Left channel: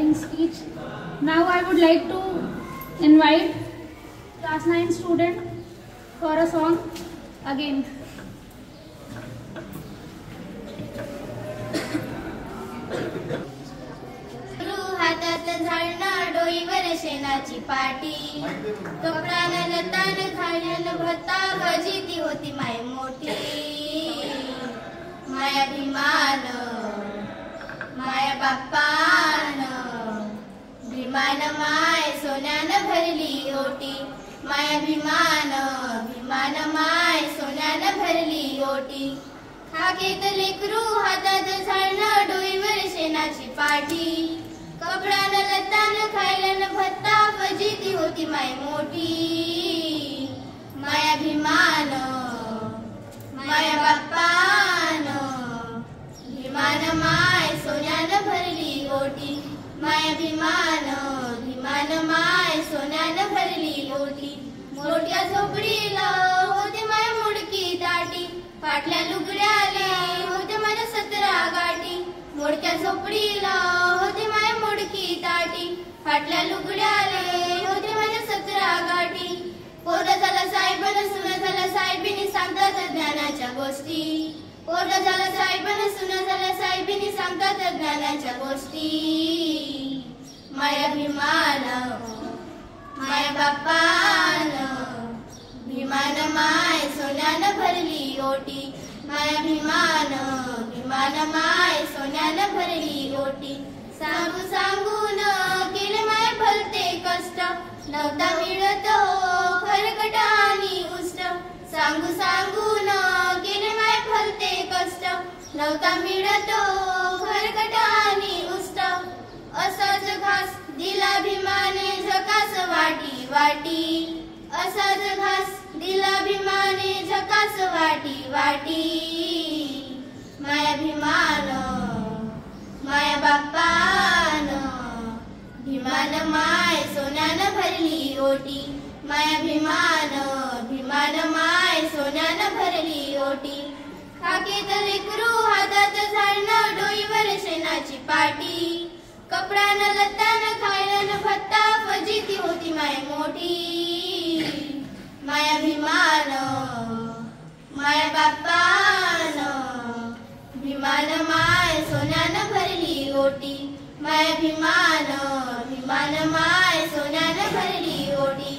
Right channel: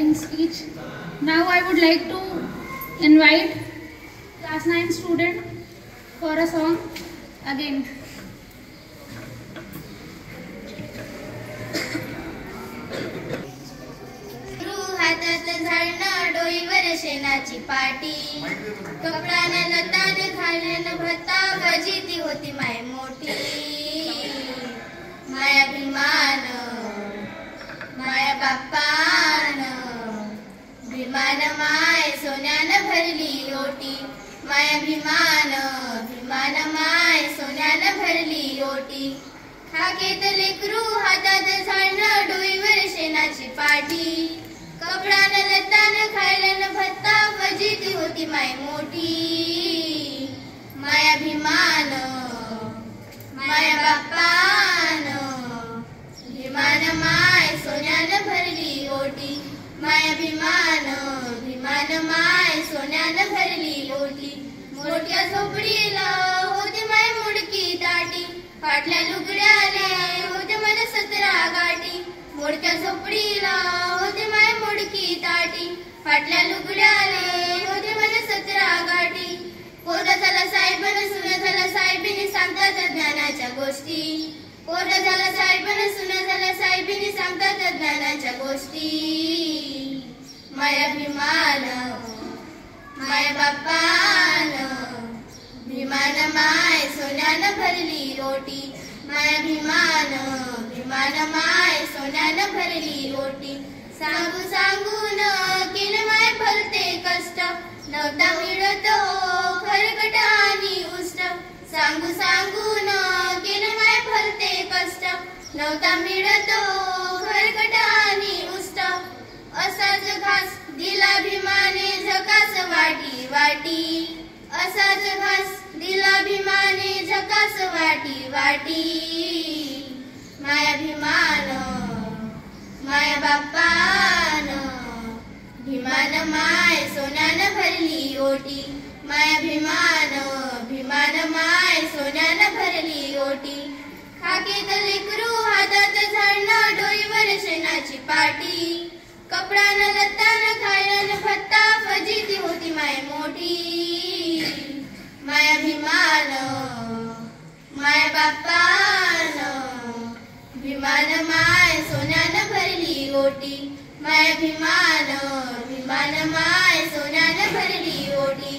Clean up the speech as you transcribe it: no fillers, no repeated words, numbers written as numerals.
inspiring speech. Now I would like to invite class 9 student for a song again. हातात झाडणं डोईवर शेणाची पाटी, कपड्यानं लतानं घालणं भत्ता फजिती होती माय मोठी. माया भीमान माया बाप्पान, भीमान माय सोन्यानं भरली ओटी. माया भीमान भीमान माय सोन्यानं भरली ओटी. हाकेत लेकरू हातात झाडणं डोईवर शेणाची पाटी, कपड्यानं लतानं खायला भत्ता फजिती होती माय मोठी. माया भीमान माया बाप्पान, भीमान माय सोन्यानं भरली ओटी. माया भीमान भीमान माय सोन्यानं भरली ओटी. मोठ्या झोपडीला होते माय मुडकी ताटी, फाटल्या लुगड्याले होते मला 17 गाठी. मोडक्या झोपडीला होते माय मुडकी ताटी, फाटल्या लुगड्याले होते मला 17 गाठी. पोरं झाला साहेबानं सुना झाला साहेबीनी सांगतात ज्ञानाच्या गोष्टी. पोरं झाला साहेबानं सुना झाला साहेबीनी सांगतात ज्ञानाच्या गोष्टी. माया भीमान माया बाप्पान, भीमान माय सोन्यानं भरली ओटी. माया भीमान भीमान माय सोन्यानं भरली ओटी. सांगू सांगून केलं माय भलते कष्ट, नव्हता मिळतो खरकट आणि उष्ट. सांगू सांगून केलं माय भलते कष्ट, नव्हता मिळतो खरकट आणि उष्ट. असाच घास दिला भीमाने झकास वाटी वाटी, असाच घास दिला भीमाने झकास वाटी वाटी. माया भीमान माया बाप्पान, भीमान माय सोन्यानं भरली ओटी. माया भीमान भीमान माय सोन्यानं भरली ओटी. खाकेत लेकरू हातात झाडणं डोईवर शेणाची पाटी, कपड्यानं लतानं खायला भत्ता फजिती होती माय मोठी. माया भीमान माया बाप्पान, भीमान माय सोन्यानं भरली ओटी. माया भीमान भीमान माय सोन्यानं भरली ओटी.